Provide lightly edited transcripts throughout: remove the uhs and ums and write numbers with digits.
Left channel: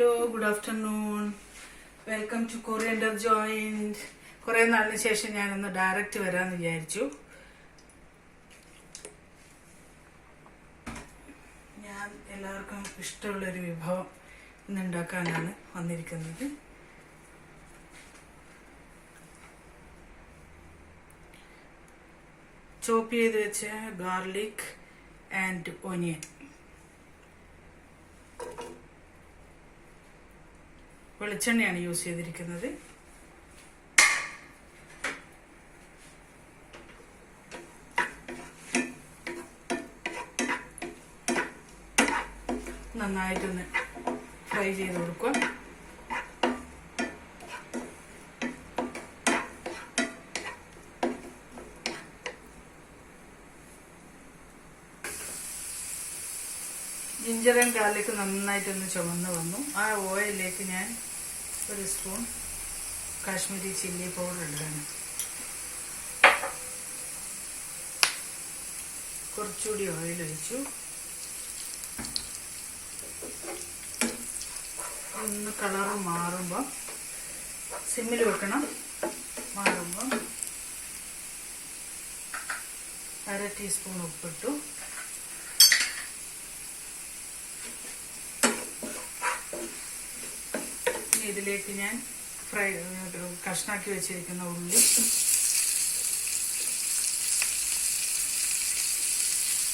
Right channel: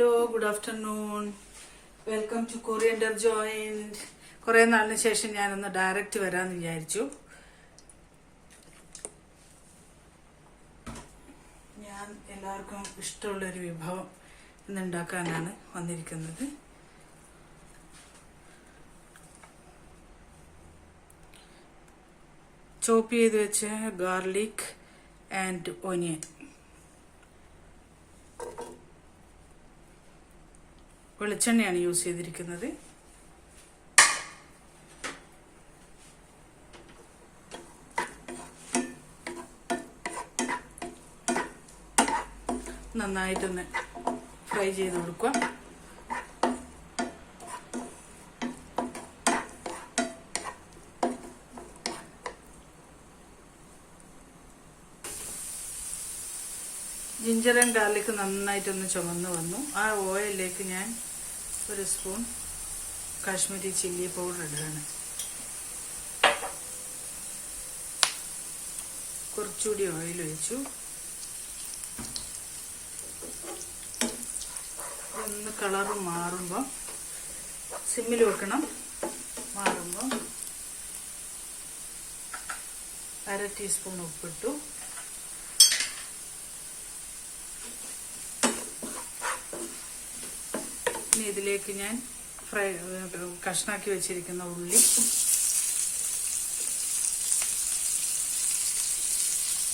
Hello, good afternoon. Welcome to coriander joint. കുറെ നാളിന് ശേഷം ഞാനിന്ന് ഡയറക്റ്റ് വരാമെന്ന് വിചാരിച്ചു. ഞാൻ എല്ലാവർക്കും ഇഷ്ടമുള്ളൊരു വിഭവം ഇന്ന് ഉണ്ടാക്കാനാണ് വന്നിരിക്കുന്നത്. ചോപ്പ് ചെയ്ത് വെച്ച ഗാർലിക് ആൻഡ് ഓനിയൻ, വെളിച്ചെണ്ണയാണ് യൂസ് ചെയ്തിരിക്കുന്നത്. നന്നായിട്ടൊന്ന് ഫ്രൈ ചെയ്ത് കൊടുക്കുക. ജിഞ്ചർ ആൻഡ് ഗാർലിക് നന്നായിട്ടൊന്ന് ചുമന്ന് വന്നു. ആ ഓയിലിലേക്ക് ഞാൻ ഒരു സ്പൂൺ കാശ്മീരി ചില്ലി പൗഡർ ഇടുകയാണ്. കുറച്ചുകൂടി ഓയിൽ ഒഴിച്ചു. ഒന്ന് കളർ മാറുമ്പോൾ സിമ്മിൽ വെക്കണം. മാറുമ്പോൾ 1/2 ടീസ്പൂൺ ഉപ്പിട്ടു. ഇതിലേക്ക് ഞാൻ കഷ്ണാക്കി വെച്ചിരിക്കുന്ന ഉള്ളി,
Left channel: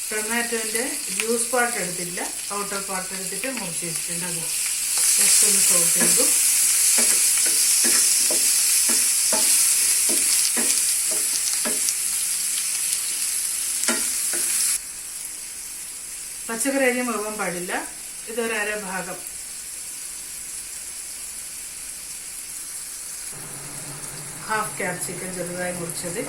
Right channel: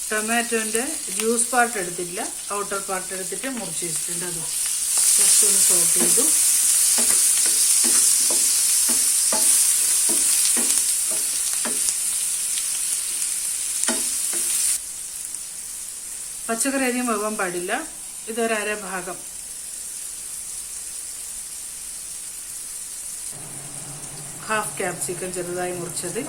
ടൊമാറ്റോന്റെ ജ്യൂസ് പാർട്ട് എടുത്തില്ല, ഔട്ടർ പാർട്ട് എടുത്തിട്ട് മുറിച്ച് വെച്ചിട്ടുണ്ട്. അത് ജസ്റ്റ് ഒന്ന് സോട്ട് ചെയ്തു. പച്ചക്കറി അധികം വെക്കാൻ പാടില്ല. ഇതൊരര ഭാഗം. ഹാഫ് ക്യാപ്സിക്കം ചെറുതായി മുറിച്ചത്,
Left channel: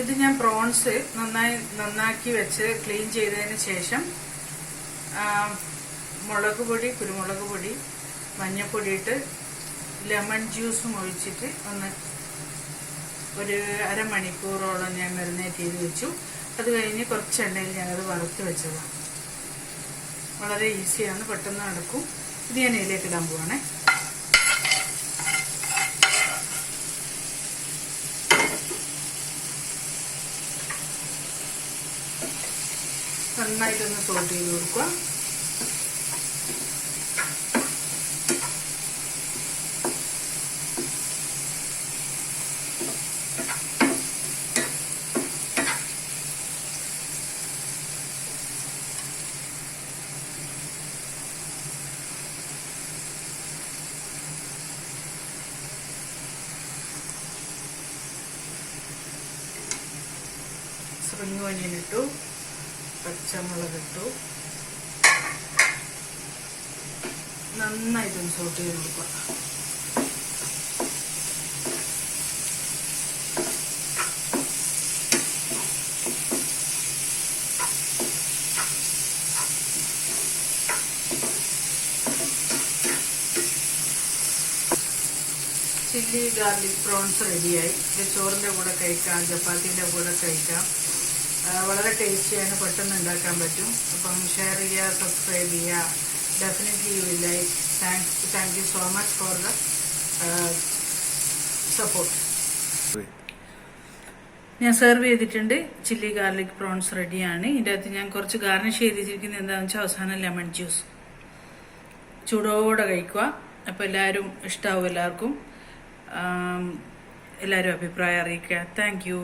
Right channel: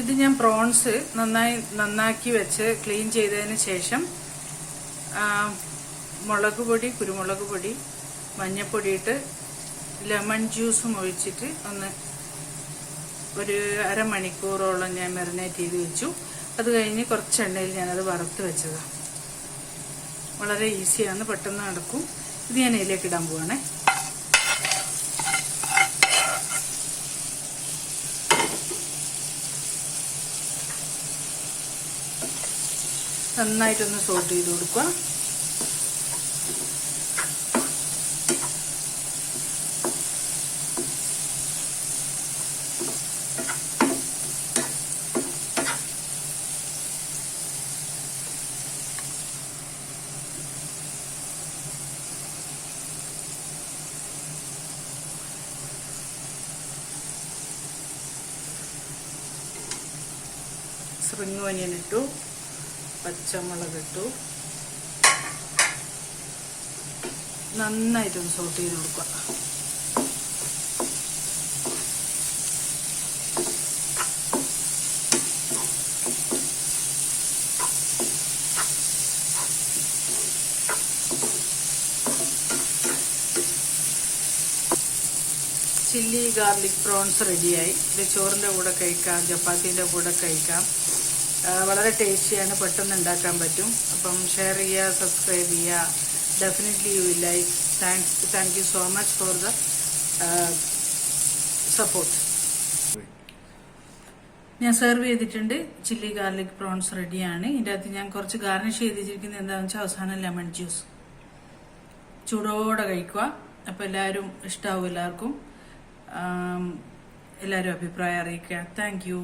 ഇത് ഞാൻ പ്രോൺസ് നന്നാക്കി വെച്ച് ക്ലീൻ ചെയ്തതിന് ശേഷം മുളക് പൊടി, കുരുമുളക് പൊടി, മഞ്ഞൾപ്പൊടി ഇട്ട് ലെമൺ ജ്യൂസും ഒഴിച്ചിട്ട് ഒന്ന് ഒരു അരമണിക്കൂറോളം ഞാൻ മാരിനേറ്റ് ചെയ്ത് വെച്ചു. അത് കഴിഞ്ഞ് കുറച്ച് എണ്ണയിൽ ഞാനത് വറുത്ത് വെച്ചതാണ്. വളരെ ഈസിയാണ്, പെട്ടെന്ന് നടക്കും. ഇത് ഞാൻ ഇതിലേക്ക് ഇടാൻ പോവാണേ. നന്നായിട്ടൊന്ന് സോട്ട് ചെയ്ത് കൊടുക്കുക. സ്പ്രിംഗ് ഓനിയൻ ഇട്ടു, പച്ചമുളക് ഇട്ടു. നന്നായിട്ടൊന്ന് സോട്ട് ചെയ്ത് കൊടുക്കുക. ചില്ലി ഗാർലിക് പ്രോൺസ് റെഡിയായി. ഇത് ചോറിന്റെ കൂടെ കഴിക്കാം, ചപ്പാത്തിന്റെ കൂടെ കഴിക്കാം. വളരെ ടേസ്റ്റിയാണ്, പെട്ടെന്ന് ഉണ്ടാക്കാൻ പറ്റും. അപ്പം ഷെയർ ചെയ്യുക, സബ്സ്ക്രൈബ് ചെയ്യുക. Definitely you will like. Thank you so much for the support. ഞാൻ സെർവ് ചെയ്തിട്ടുണ്ട്. ചില്ലി ഗാർലിക് പ്രോൺസ് റെഡിയാണ്. ഇതിൻ്റെ അകത്ത് ഞാൻ കുറച്ച് ഗാർണിഷ് ചെയ്തിരിക്കുന്നത് എന്താണെന്ന് വെച്ചാൽ അവസാനം ലെമൺ ജ്യൂസ്. ചൂടോടെ കഴിക്കുക. അപ്പം എല്ലാവരും ഇഷ്ടാവും. എല്ലാവർക്കും എല്ലാവരും അഭിപ്രായം അറിയിക്കുക. Thank you.